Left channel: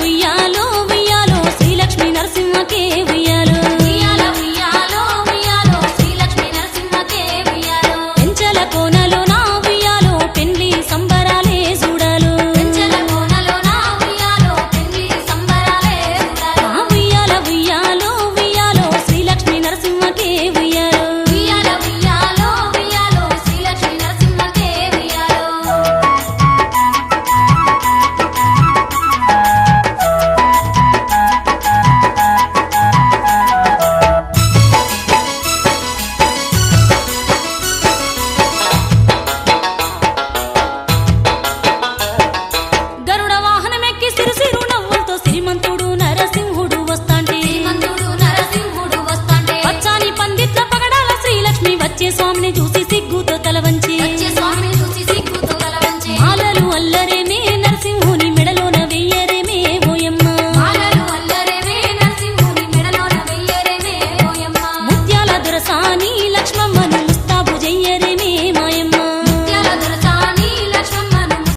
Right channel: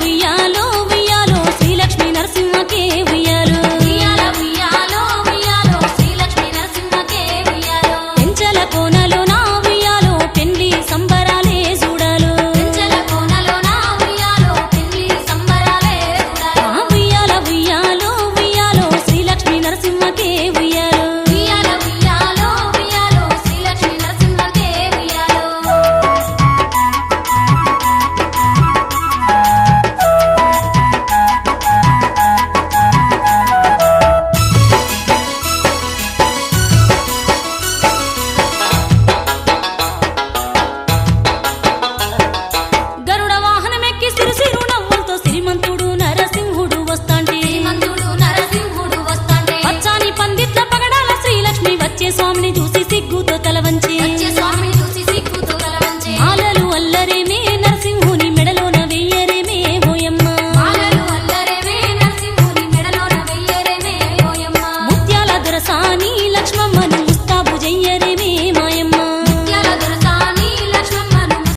ఉయ్యాలో ఉయ్యాలో శ్రీలక్ష్మీ నరసింహకే ఉయ్యాలో ఉయ్యాల ఉయ్యాలో ఉయ్యాలో శ్రీలక్ష్మీ నరసింహకే ఉయ్యాలో పెంచల కోనలో నా ఉయ్యాలో పెండ్లి సంబరాలే చూడాలో పెంచల కోనలో నా ఉయ్యాలో పెళ్లి సంబరాలే చూడాలో ఉయ్యాల ఉయ్యాలో ఉయ్యాలో శ్రీలక్ష్మీ నరసింహకే ఉయ్యాలో ఉయ్యాల ఉయ్యాలో ఉయ్యాలో శ్రీలక్ష్మీ నరసింహకే ఉయ్యాలో గరుడ వాహనమెక్కి సిరు నవ్వులతో శ్రీమంతుడు నరసింహుడు వస్తాంటే శ్రీమంతుడు నరసింహుడు వస్తాంటే పచ్చాని పందిట్ల పగడాల శ్రీలక్ష్మి వచ్చే స్వామిని చూసి సిగ్గుతో తలవంచి వచ్చే స్వామిని చూసి సిగ్గుతో తలవంచే మాలలు అల్లరేమే నరసింహుని మెడలోన వెయ్యరేమే ఓయమ్మ మాలలు అల్లరేమే నరసింహుని మెడలోన వెయ్యరేమే ఓయమ్మ ముత్యాల దొరసాని లక్ష్మమ్మను ముస్తాబు జయ్యరేమే మాయమ్మ